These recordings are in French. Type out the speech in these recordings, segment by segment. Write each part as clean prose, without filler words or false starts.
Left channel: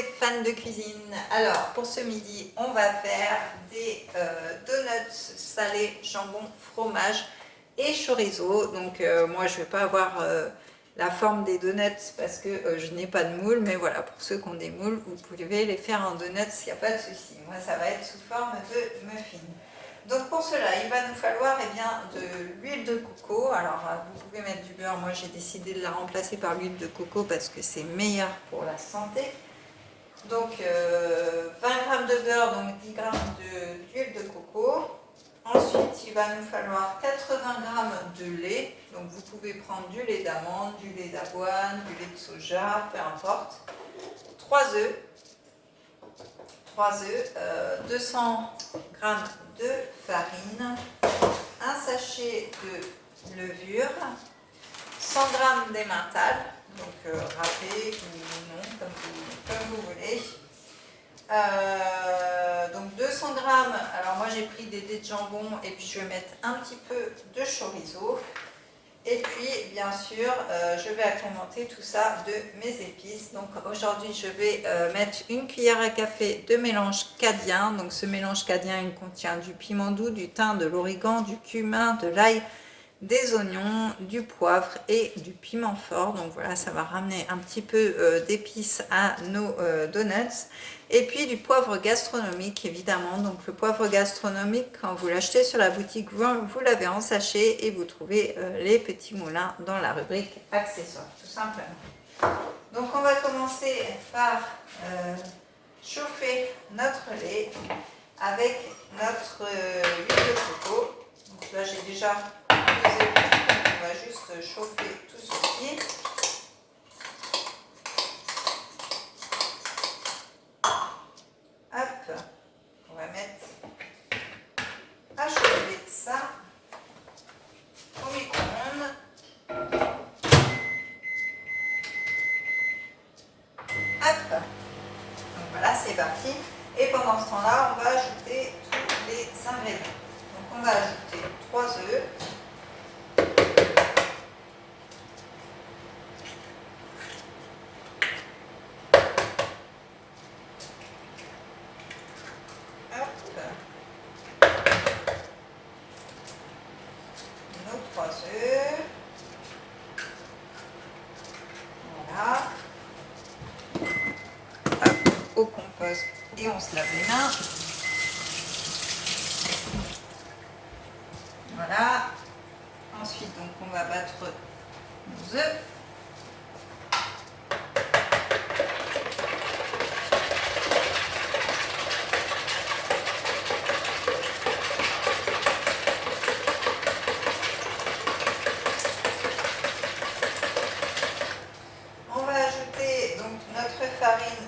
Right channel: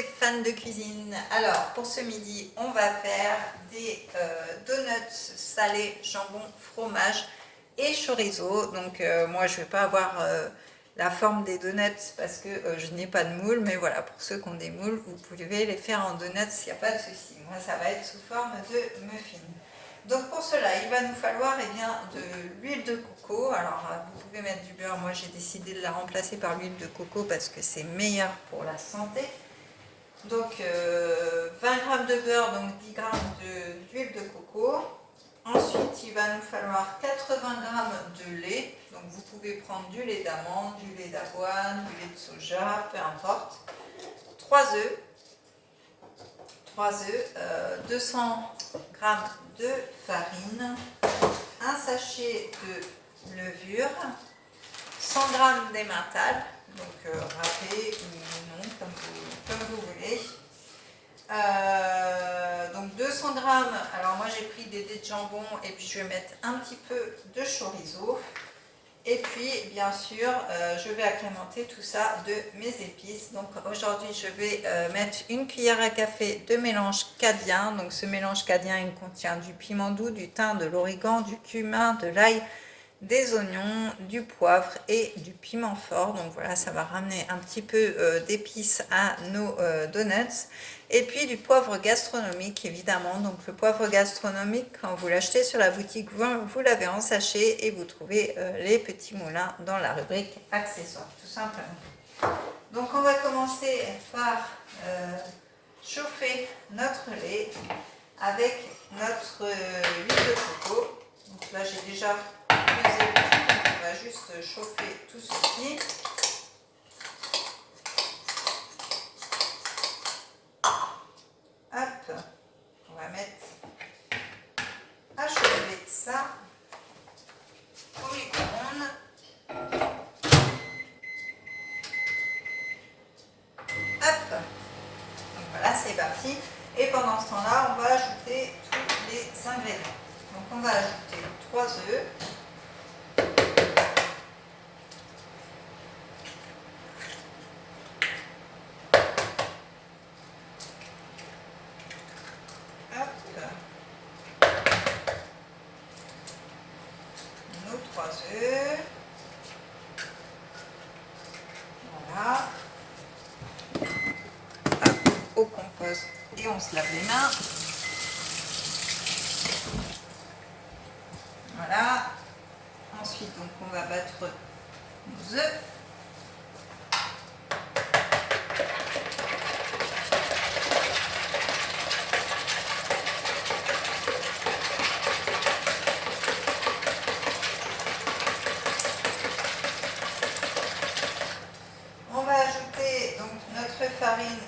les fans de cuisine. Alors pour ce midi on va faire des donuts salés, jambon, fromage et chorizo. Donc moi je vais pas avoir la forme des donuts parce que je n'ai pas de moule, mais voilà, pour ceux qui ont des moules vous pouvez les faire en donuts, il n'y a pas de souci. Moi ça va être sous forme de muffin. Donc pour cela, il va nous falloir de l'huile de coco. Alors vous pouvez mettre du beurre, moi j'ai décidé de la remplacer par l'huile de coco parce que c'est meilleur pour la santé. Donc 20 g de beurre, donc 10 g d'huile de coco. Ensuite, il va nous falloir 80 g de lait. Donc vous pouvez prendre du lait d'amande, du lait d'avoine, du lait de soja, peu importe. 3 œufs. 200 g de farine, un sachet de levure, 100 g d'emmental, donc râpé ou non, comme vous voulez. Donc 200 g, alors moi j'ai pris des dés de jambon et puis je vais mettre un petit peu de chorizo. Et puis, bien sûr, je vais agrémenter tout ça de mes épices. Donc aujourd'hui, je vais mettre une cuillère à café de mélange cadien. Donc ce mélange cadien, il contient du piment doux, du thym, de l'origan, du cumin, de l'ail, des oignons, du poivre et du piment fort. Donc voilà, ça va ramener un petit peu d'épices à nos donuts. Et puis du poivre gastronomique, évidemment. Donc le poivre gastronomique, quand vous l'achetez sur la boutique, vous l'avez en sachet et vous trouvez les petits moulins dans la rubrique accessoires, tout simplement. Donc on va commencer par chauffer notre lait avec notre huile de coco. Donc là j'ai déjà pesé, on va juste chauffer tout ceci. Hop, on va mettre à chauffer ça au micro-ondes. Hop, donc voilà, c'est parti. Et pendant ce temps-là, on va ajouter tous les ingrédients. Donc on va ajouter 3 œufs. Nos 3 œufs. Voilà. Hop, au compost et on se lave les mains. Voilà. Ensuite, donc on va battre nos œufs. On va ajouter donc notre farine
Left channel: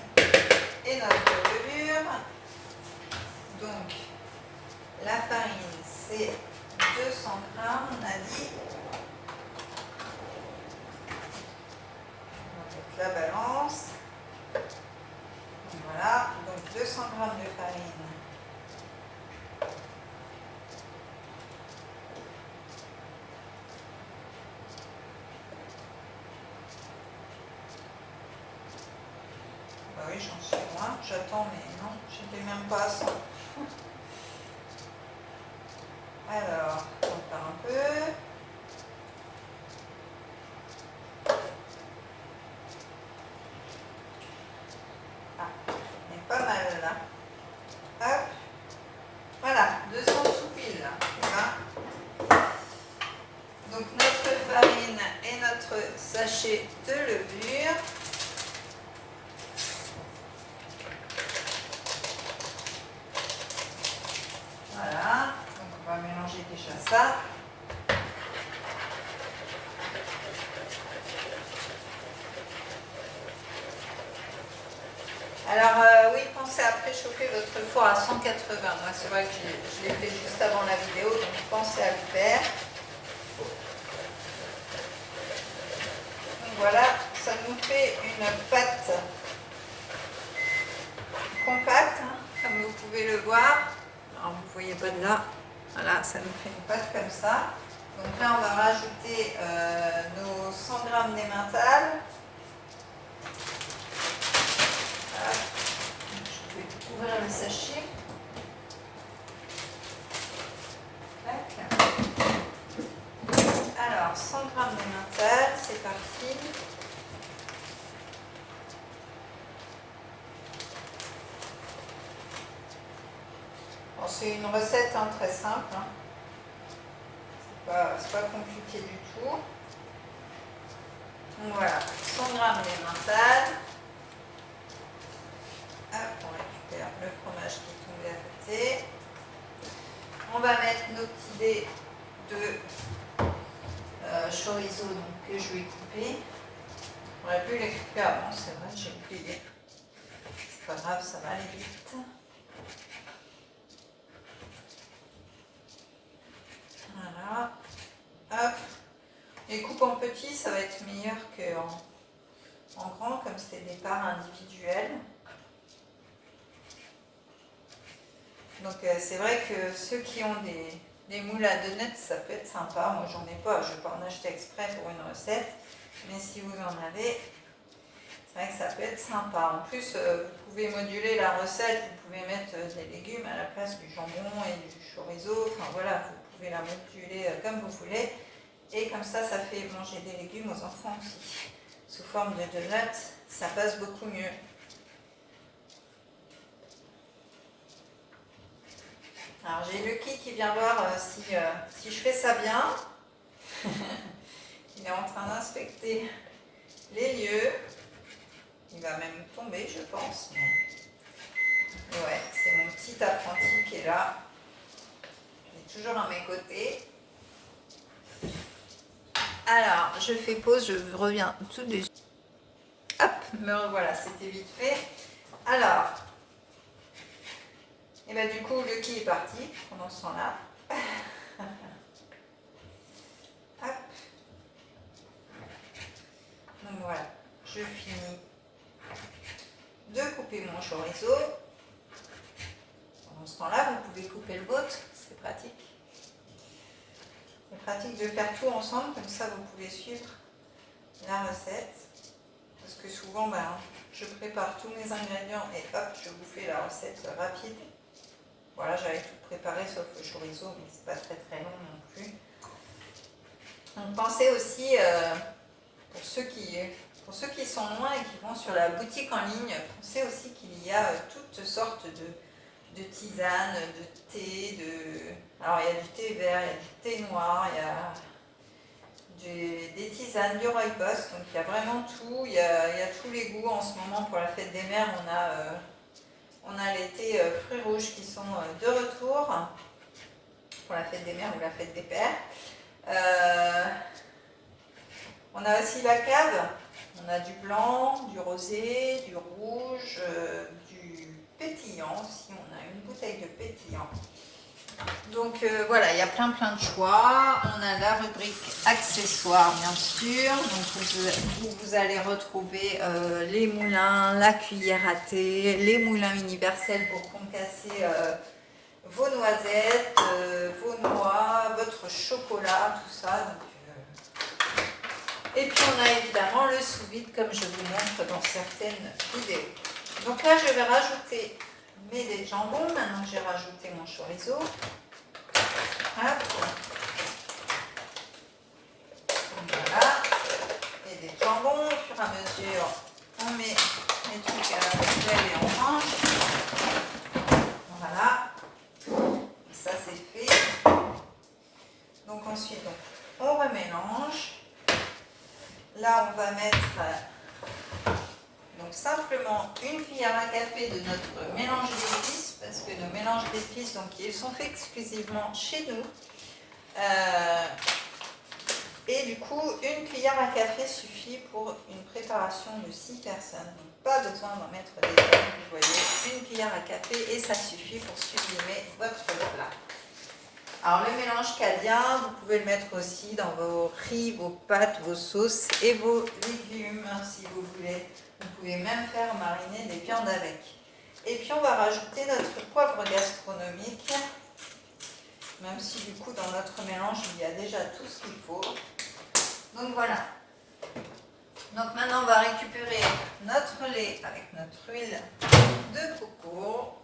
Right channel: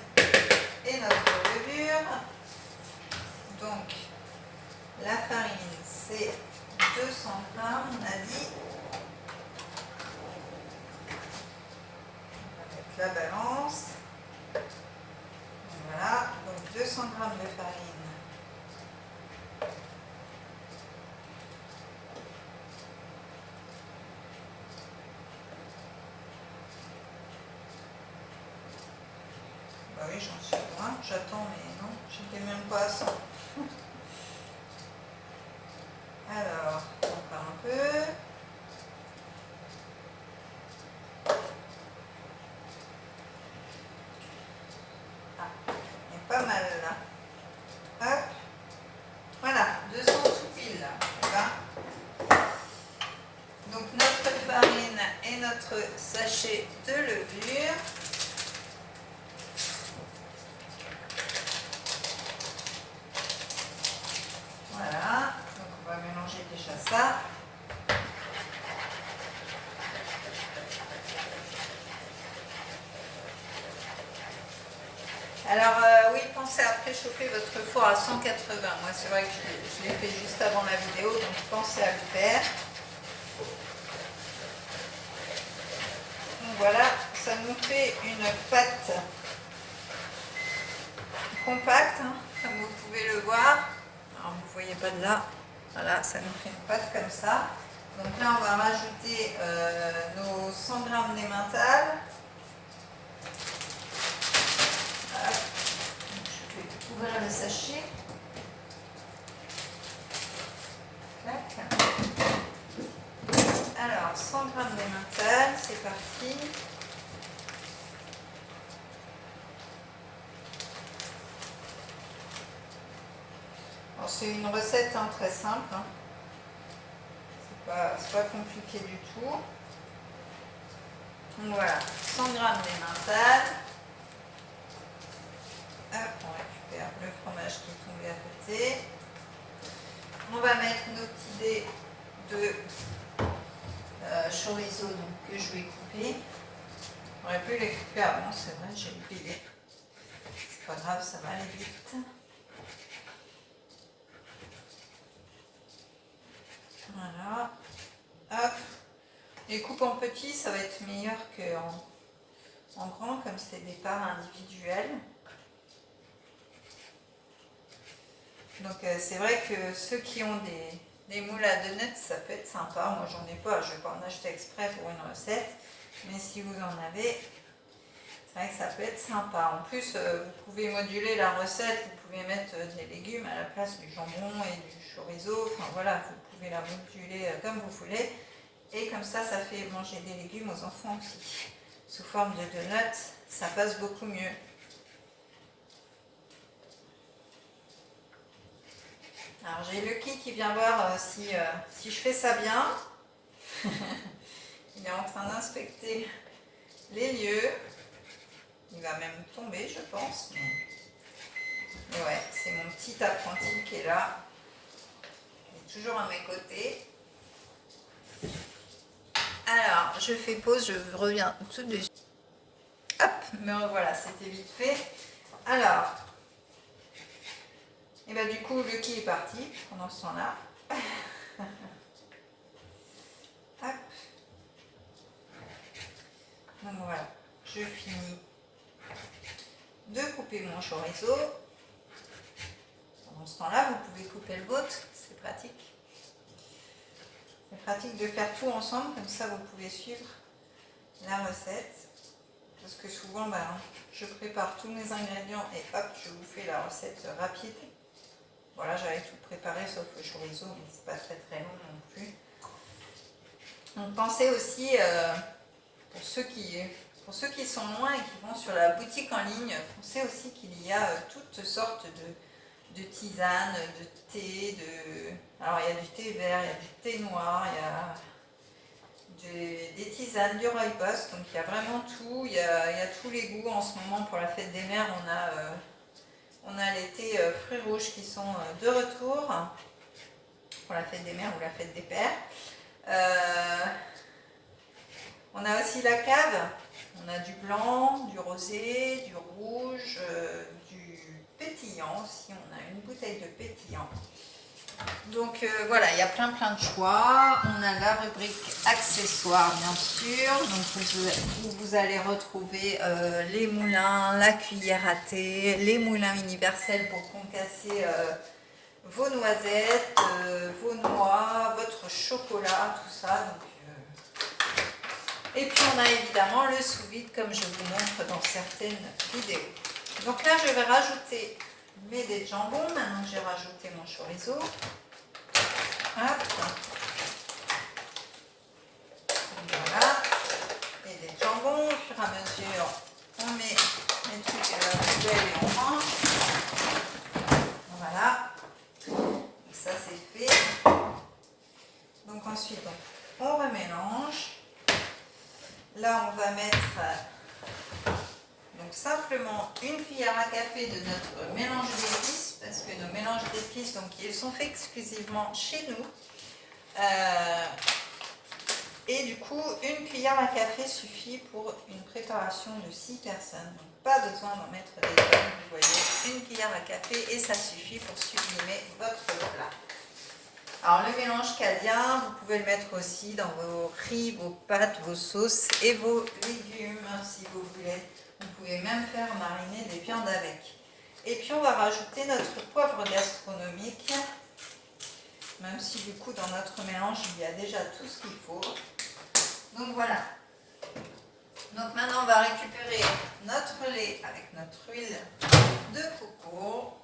et notre levure. Donc la farine c'est 200 g, on a dit. On va mettre la balance. Voilà, donc 200 g de farine. Bah oui, j'en suis loin, j'attends, mais non, j'étais même pas à 100. Alors, encore un peu. Ah, il est pas mal là. Hop. Voilà, 200 tout pile là. Donc notre farine et notre sachet de levure. Voilà, donc on va mélanger déjà ça. Alors oui, pensez à préchauffer votre four à 180. Moi c'est vrai que je l'ai fait juste avant la vidéo, donc pensez à le faire. Donc voilà, ça nous fait une pâte compacte, hein, comme vous pouvez le voir. Alors vous ne voyez pas de là, voilà, ça nous fait une pâte comme ça. Donc là on va rajouter nos 100 g d'emmental. Voilà. c'est une recette hein, très simple. Hein. C'est pas compliqué du tout. Donc voilà, 100 g d'emmental. Hop, on récupère le fromage qui est tombé à côté. On va mettre nos petits dés de chorizo donc, que je vais couper. J'aurais pu les couper avant, c'est vrai, j'ai oublié. C'est pas grave, ça va aller vite. Voilà. Hop. Les coupes en petits, ça va être meilleur qu'en grand, comme c'est des parts individuelles. Donc c'est vrai que ceux qui ont des moules à donuts, ça peut être sympa. Moi j'en ai pas, je ne vais pas en acheter exprès pour une recette. Mais si vous en avez, c'est vrai que ça peut être sympa. En plus, vous pouvez moduler la recette, vous pouvez mettre des légumes à la place du jambon et du chorizo. Enfin voilà, vous pouvez la moduler comme vous voulez. Et comme ça fait manger des légumes aux enfants aussi. Sous forme de donuts, ça passe beaucoup mieux. Alors j'ai Lucky qui vient voir si je fais ça bien. Il est en train d'inspecter les lieux. Il va même tomber, je pense. Mais ouais, c'est mon petit apprenti qui est là. Il est toujours à mes côtés. Alors, je fais pause, je reviens tout de suite. Hop, me revoilà, c'était vite fait. Alors, et ben du coup, Lucky est parti pendant ce temps-là. Hop. Donc voilà, je finis de couper mon chorizo. Pendant ce temps-là, vous pouvez couper le vôtre, c'est pratique. C'est pratique de faire tout ensemble, comme ça vous pouvez suivre la recette. Parce que souvent, je prépare tous mes ingrédients et hop, je vous fais la recette rapide. Voilà, j'avais tout préparé sauf le chorizo, mais c'est pas très très long non plus. Donc pensez aussi, pour ceux qui sont loin et qui vont sur la boutique en ligne, pensez aussi qu'il y a toutes sortes de tisanes, de thé, alors il y a du thé vert, il y a du thé noir, il y a des tisanes du rooibos, donc il y a vraiment tout, il y a tous les goûts en ce moment. Pour la fête des mères, on a les thés fruits rouges qui sont de retour pour la fête des mères ou la fête des pères. On a aussi la cave, on a du blanc, du rosé, du rouge, du pétillant aussi, on a une bouteille de pétillant. Donc voilà, il y a plein de choix. On a la rubrique accessoires bien sûr. Donc vous allez retrouver les moulins, la cuillère à thé, les moulins universels pour concasser vos noisettes, vos noix, votre chocolat, tout ça. Donc, et puis on a évidemment le sous-vide comme je vous montre dans certaines vidéos. Donc là je vais rajouter mes dés de jambon, maintenant que j'ai rajouté mon chorizo. Hop. Voilà. Et des jambons, au fur et à mesure, on met les trucs à la poêle et on range. Voilà. Et ça c'est fait. Donc ensuite, on remélange. Là, on va mettre donc simplement une cuillère à café de notre mélange d'épices, parce que nos mélanges d'épices, donc ils sont faits exclusivement chez nous. Et du coup, une cuillère à café suffit pour une préparation de 6 personnes. Donc pas besoin d'en mettre des tonnes, vous voyez, une cuillère à café et ça suffit pour sublimer votre plat. Alors le mélange cadien, vous pouvez le mettre aussi dans vos riz, vos pâtes, vos sauces et vos légumes si vous voulez. Vous pouvez même faire mariner des viandes avec. Et puis on va rajouter notre poivre gastronomique, même si du coup dans notre mélange il y a déjà tout ce qu'il faut. Donc voilà. Donc maintenant on va récupérer notre lait avec notre huile de coco.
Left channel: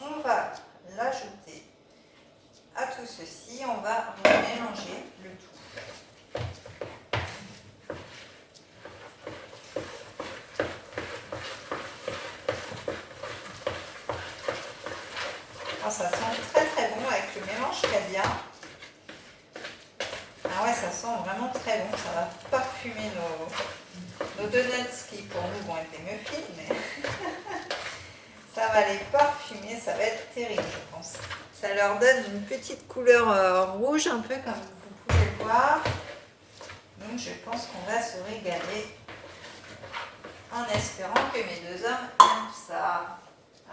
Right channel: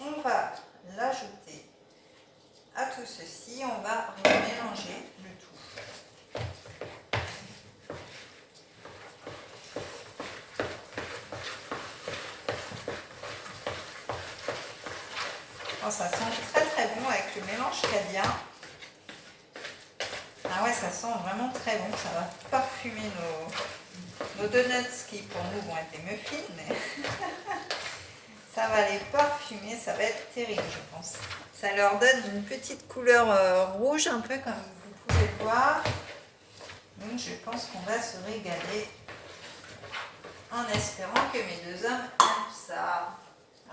On va l'ajouter à tout ceci, on va mélanger le tout. Oh, ça sent très très bon avec le mélange qu'il y a bien. Ah ouais, ça sent vraiment très bon. Ça va parfumer nos donuts qui pour nous vont être des muffins, mais ça va les parfumer, ça va être terrible, je pense. Ça leur donne une petite couleur rouge, un peu comme vous pouvez le voir. Donc je pense qu'on va se régaler en espérant que mes deux hommes aiment ça.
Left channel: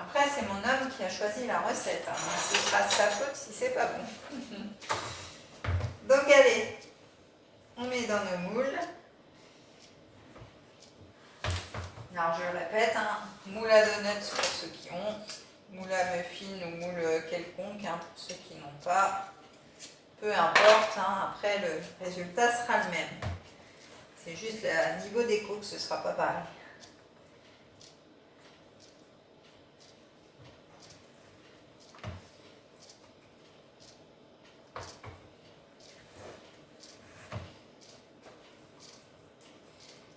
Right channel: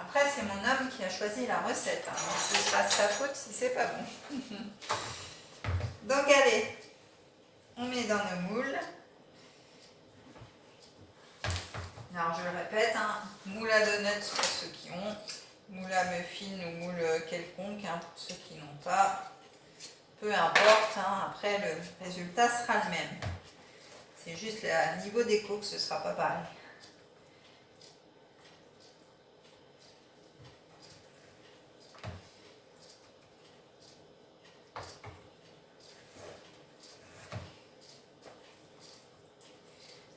Après, c'est mon homme qui a choisi la recette, hein, donc ce sera sa faute si c'est pas bon. Donc allez, on met dans nos moules. Alors je le répète, hein, moule à donuts pour ceux qui ont, moule à muffin ou moule quelconque hein, pour ceux qui n'ont pas. Peu importe, hein, après le résultat sera le même. C'est juste le niveau déco que ce ne sera pas pareil.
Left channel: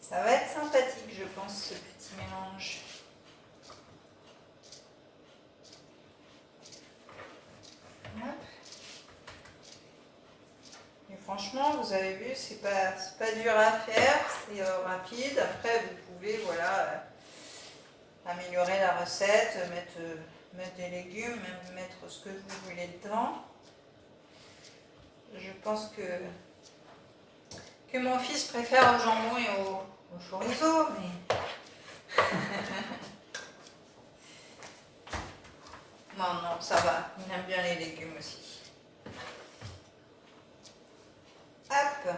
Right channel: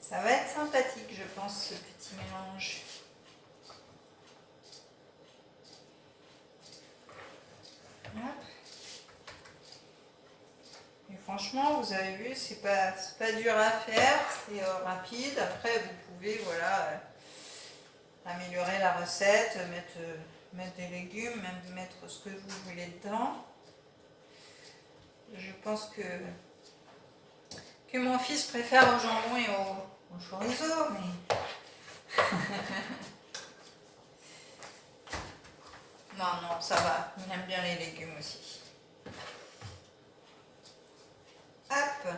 Ça va être sympathique, je pense, ce petit mélange. Hop. Et franchement, vous avez vu, c'est pas dur à faire, c'est rapide. Après, vous pouvez, voilà, améliorer la recette, mettre des légumes, même mettre ce que vous voulez dedans. Je pense que mon fils préfère au jambon et au chorizo, mais... non, ça va. Il aime bien les légumes aussi. Hop.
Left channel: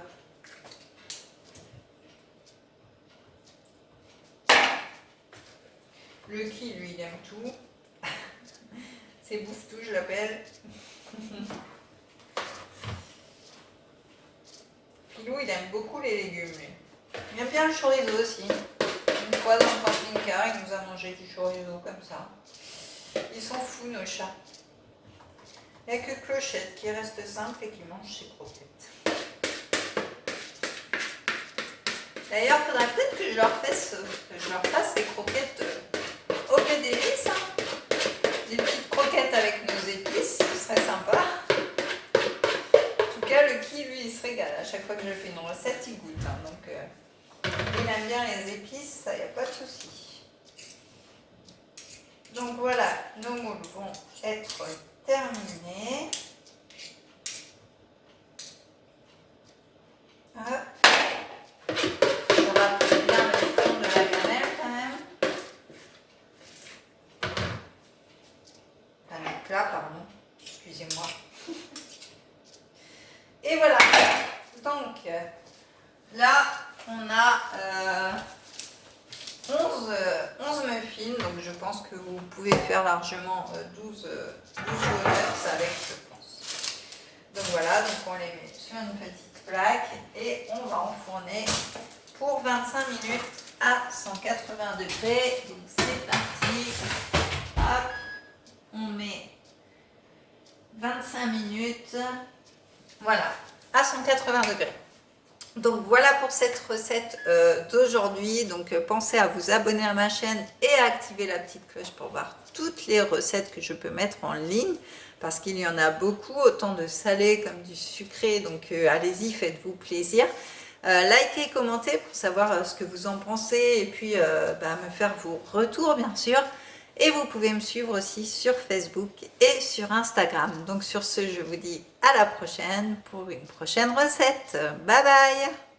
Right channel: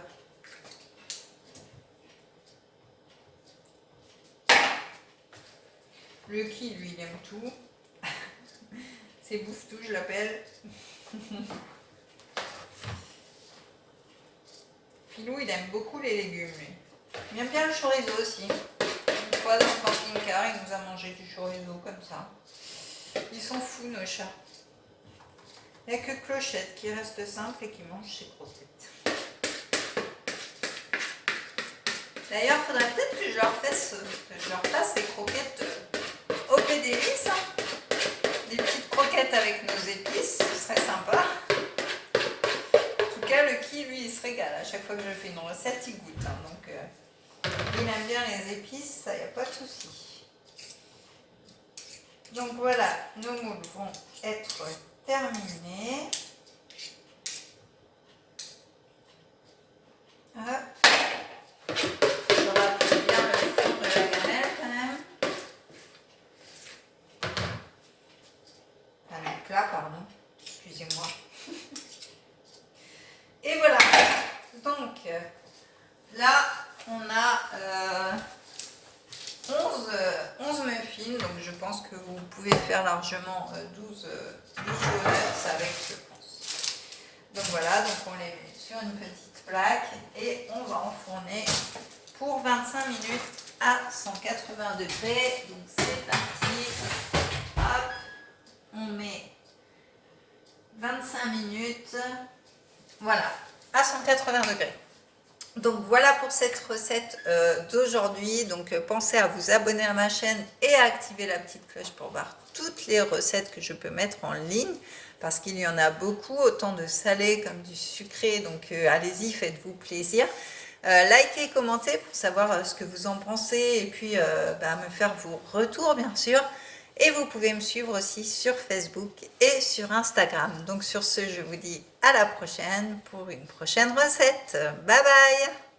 Le qui, lui, il aime tout. C'est bouffe-tout, je l'appelle. Filou, il aime beaucoup les légumes, lui. Il aime bien le chorizo aussi. Une fois dans le camping-car, il nous a mangé du chorizo comme ça. Ils sont fous, nos chats. Il n'y a que Clochette qui reste simple et qui mange ses croquettes. D'ailleurs, il faudrait peut-être que je leur fasse des croquettes au pédélis. Hein. Des petites croquettes avec nos épices, ce serait sympa. En tout cas, le qui, lui, il se régale. À chaque fois que je fais une recette, il goûte. Hein. Donc, il aime bien les épices, ça, il n'y a pas de souci. Donc voilà, nos moules vont être terminés. Hop. Je rappelle bien le fond de la gamelle quand même. Enfin, le plat, pardon. Excusez-moi. Et voilà. Donc, là, on a 11 muffins. Donc, je pense que vous pouvez faire largement 12 donuts avec, je pense. Donc, voilà. Donc, on les met sur une petite plaque et on va enfourner pour 25 minutes à 180 degrés. Donc, c'est parti. Hop. On met 25 minutes. Voilà, à 180 degrés. Donc voilà pour cette recette d'aujourd'hui. Donc pensez à vous abonner à ma chaîne et à activer la petite cloche pour voir toutes les recettes que je peux mettre en ligne. Parce qu'il y en a beaucoup, autant de salé comme du sucré. Donc allez-y, faites-vous plaisir. Likez et commentez pour savoir ce que vous en pensez. Et puis me faire vos retours bien sûr. Et vous pouvez me suivre aussi sur Facebook et sur Instagram. Donc sur ce, je vous dis à la prochaine pour une prochaine recette. Bye bye!